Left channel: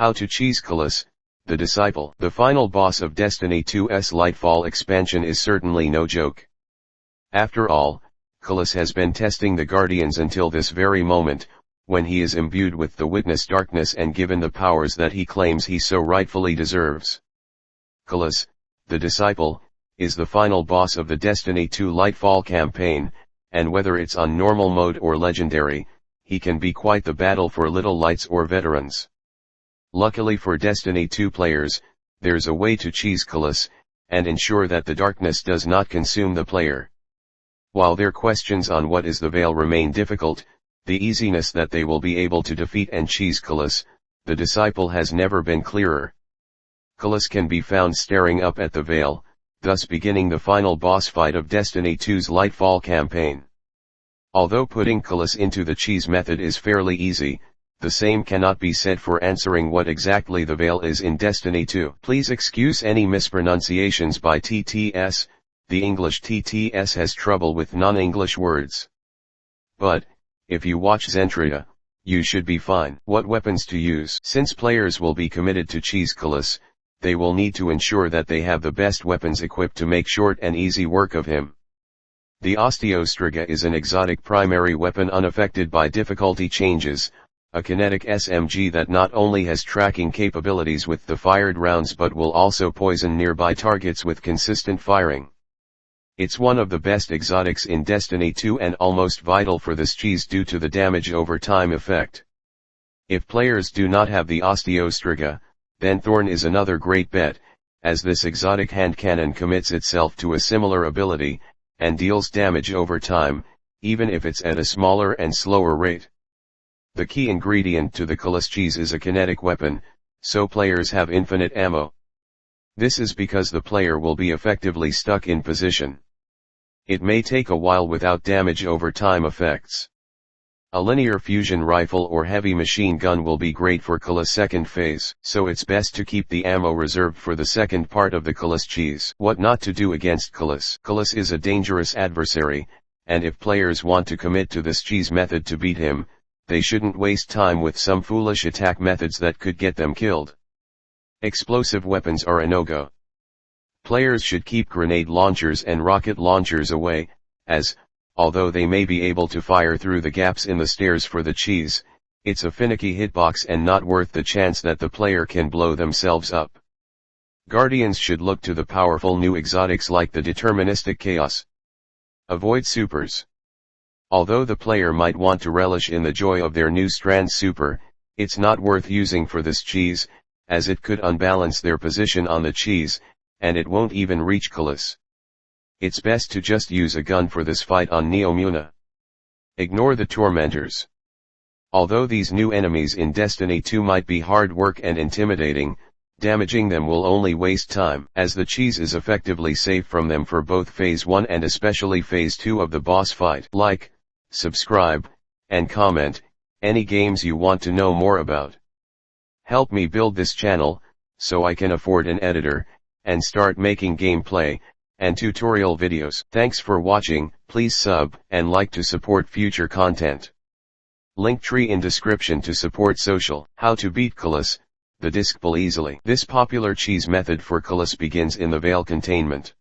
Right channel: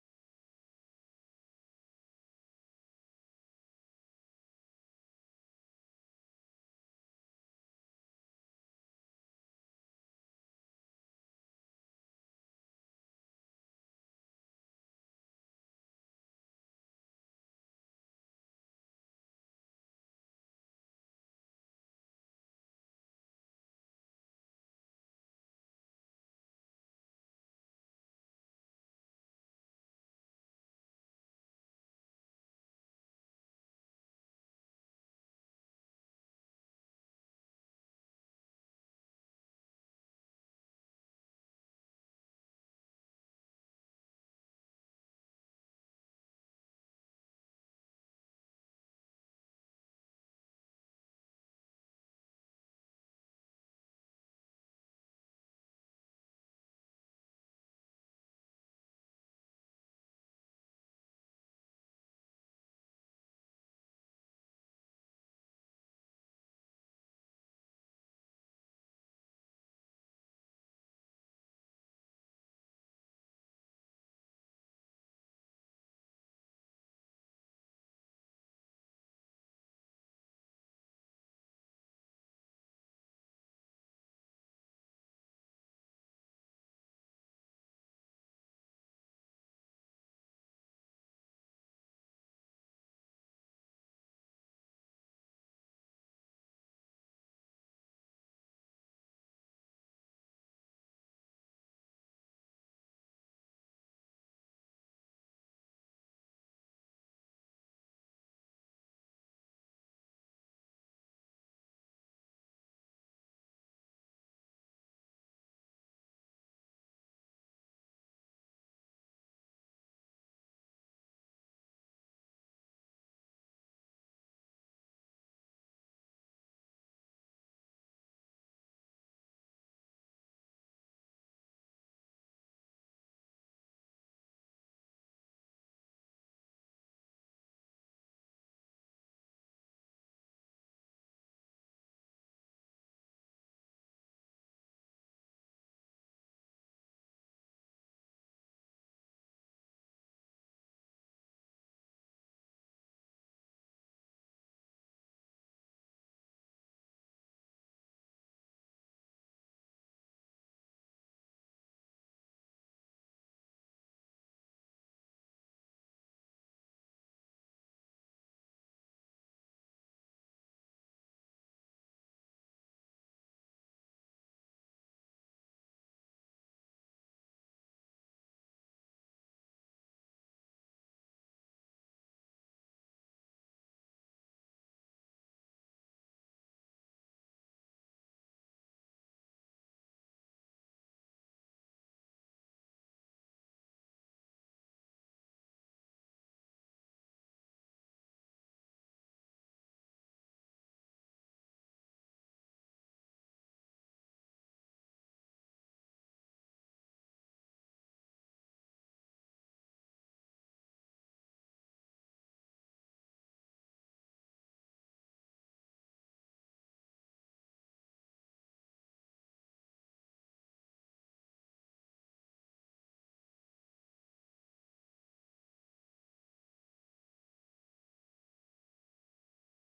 How to cheese Calus, the Disciple. The final boss of Destiny 2's Lightfall expansion is certainly no joke. After all, Calus has been testing the Guardians until this very moment, when he is imbued with the Witness darkness and given the powers that he claims he so rightfully deserves. Calus, the Disciple, is the final boss of the Destiny 2 Lightfall campaign, and whether it's on normal mode or legendary, he can be quite the battle for little lights or veterans. Luckily for Destiny 2 players, there's a way to cheese Calus, and ensure that the darkness does not consume the player. While their questions on what is the Veil remain difficult, the easiness that they will be able to defeat and cheese Calus, the Disciple, has never been clearer. Calus can be found staring up at the Veil, thus beginning the final boss fight of Destiny 2's Lightfall campaign. Although putting Calus into the cheese method is fairly easy, the same cannot be said for answering what exactly the Veil is in Destiny 2. Please excuse any mispronunciations by TTS, the English TTS has trouble with non-English words. But, if you watch Zentria, you should be fine. What weapons to use? Since players will be committed to cheese Calus, they will need to ensure that they have the best weapons equipped to make short and easy work of him. The Osteostriga is an exotic primary weapon unaffected by difficulty changes, a kinetic SMG that not only has tracking capabilities with the fired rounds but will also poison nearby targets with consistent firing. It's one of the best exotics in Destiny 2 and almost vital for this cheese due to the damage over time effect. If players do not have the Osteostriga, then Thorn is another great bet, as this exotic hand cannon commits itself to a similar ability, and deals damage over time, even if it's at a smaller and slower rate. The key ingredient to the Calus cheese is a kinetic weapon, so players have infinite ammo. This is because the player will be effectively stuck in position. It may take a while without damage over time effects. A linear fusion rifle or heavy machine gun will be great for Calus' second phase, so it's best to keep the ammo reserved for the second part of the Calus cheese. What not to do against Calus? Calus is a dangerous adversary, and if players want to commit to this cheese method to beat him, they shouldn't waste time with some foolish attack methods that could get them killed. Explosive weapons are a no-go. Players should keep grenade launchers and rocket launchers away, as, although they may be able to fire through the gaps in the stairs for the cheese, it's a finicky hitbox and not worth the chance that the player can blow themselves up. Guardians should look to the powerful new exotics like the deterministic chaos. Avoid supers. Although the player might want to relish in the joy of their new strand super, it's not worth using for this cheese, as it could unbalance their position on the cheese, and it won't even reach Calus. It's best to just use a gun for this fight on Neomuna. Ignore the tormentors. Although these new enemies in Destiny 2 might be hard work and intimidating, damaging them will only waste time, as the cheese is effectively safe from them for both Phase 1 and especially Phase 2 of the boss fight. Like, subscribe, and comment any games you want to know more about. Help me build this channel, so I can afford an editor, and start making gameplay and tutorial videos. Thanks for watching. Please sub and like to support future content. Linktree in description to support social. How to beat Calus, the Disciple easily. This popular cheese method for Calus begins in the Veil containment.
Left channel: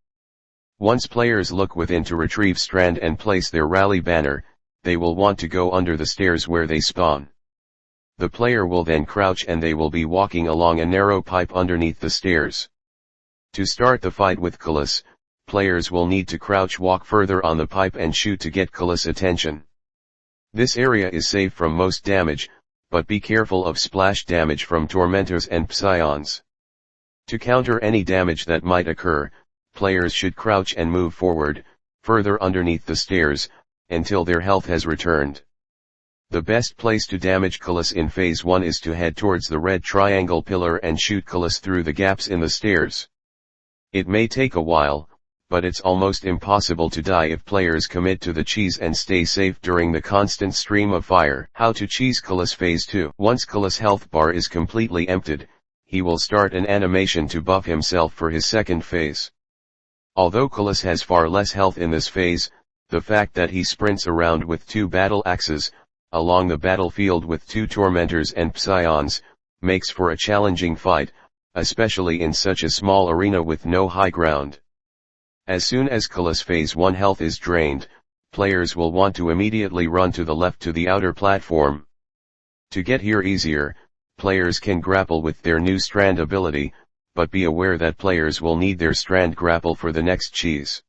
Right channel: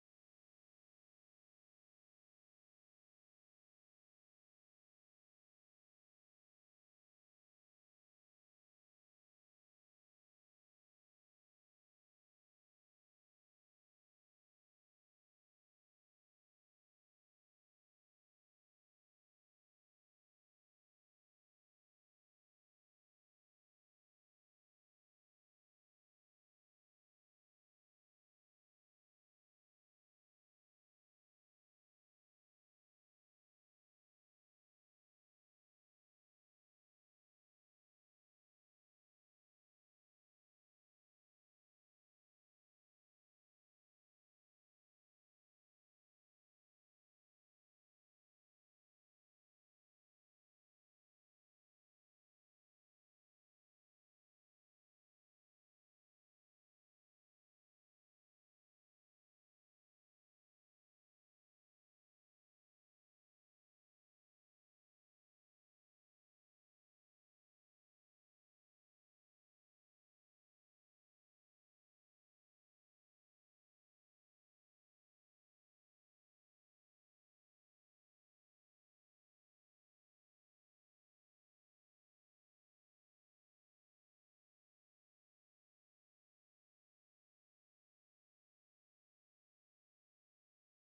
Once players look within to retrieve Strand and place their rally banner, they will want to go under the stairs where they spawn. The player will then crouch and they will be walking along a narrow pipe underneath the stairs. To start the fight with Calus, players will need to crouch walk further on the pipe and shoot to get Calus' attention. This area is safe from most damage, but be careful of splash damage from tormentors and psions. To counter any damage that might occur, players should crouch and move forward, further underneath the stairs, until their health has returned. The best place to damage Calus in Phase 1 is to head towards the red triangle pillar and shoot Calus through the gaps in the stairs. It may take a while, but it's almost impossible to die if players commit to the cheese and stay safe during the constant stream of fire. How to cheese Calus Phase 2. Once Calus' health bar is completely emptied, he will start an animation to buff himself for his second phase. Although Calus has far less health in this phase, the fact that he sprints around with 2 battle axes, along the battlefield with 2 tormentors and psions, makes for a challenging fight, especially in such a small arena with no high ground. As soon as Calus Phase 1 health is drained, players will want to immediately run to the left to the outer platform. To get here easier, players can grapple with their new strand ability, but be aware that players will need their strand grapple for the next cheese.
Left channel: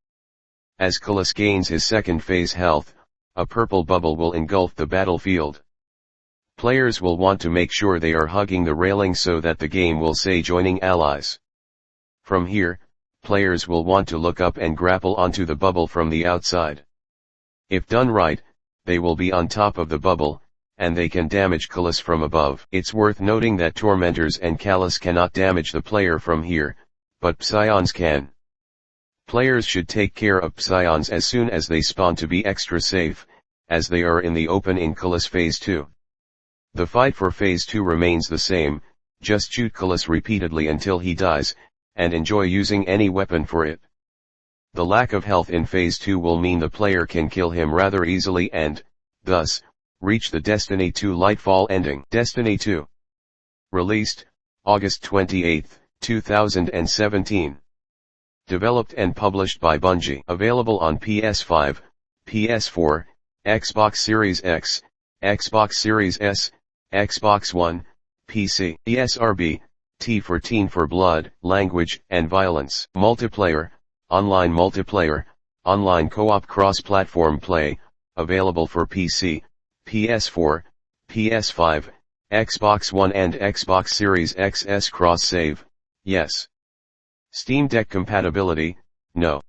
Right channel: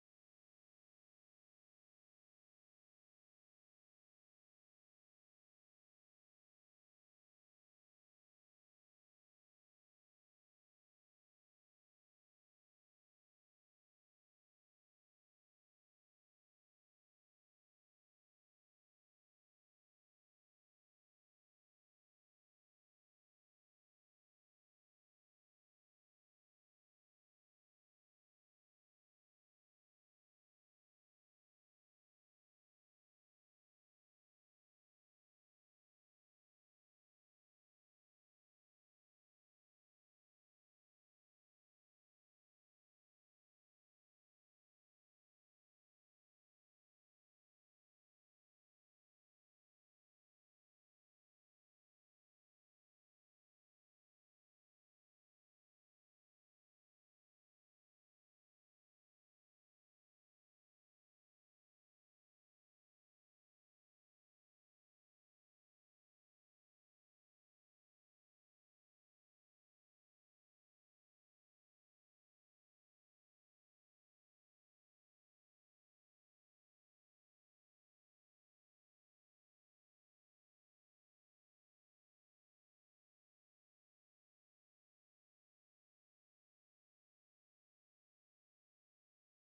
As Calus gains his second phase health, a purple bubble will engulf the battlefield. Players will want to make sure they are hugging the railing so that the game will say joining allies. From here, players will want to look up and grapple onto the bubble from the outside. If done right, they will be on top of the bubble, and they can damage Calus from above. It's worth noting that Tormentors and Calus cannot damage the player from here, but Psions can. Players should take care of Psions as soon as they spawn to be extra safe, as they are in the open in Calus Phase 2. The fight for Phase 2 remains the same, just shoot Calus repeatedly until he dies, and enjoy using any weapon for it. The lack of health in Phase 2 will mean the player can kill him rather easily and, thus, reach the Destiny 2 Lightfall ending. Destiny 2. Released, August 28, 2017. Developed and published by Bungie. Available on PS5, PS4, Xbox Series X, Xbox Series S, Xbox One, PC. ESRB, T for Teen for Blood, Language, and Violence. Multiplayer, online co-op cross-platform play, available for PC, PS4, PS5, Xbox One and Xbox Series XS cross-save, yes. Steam Deck compatibility, no.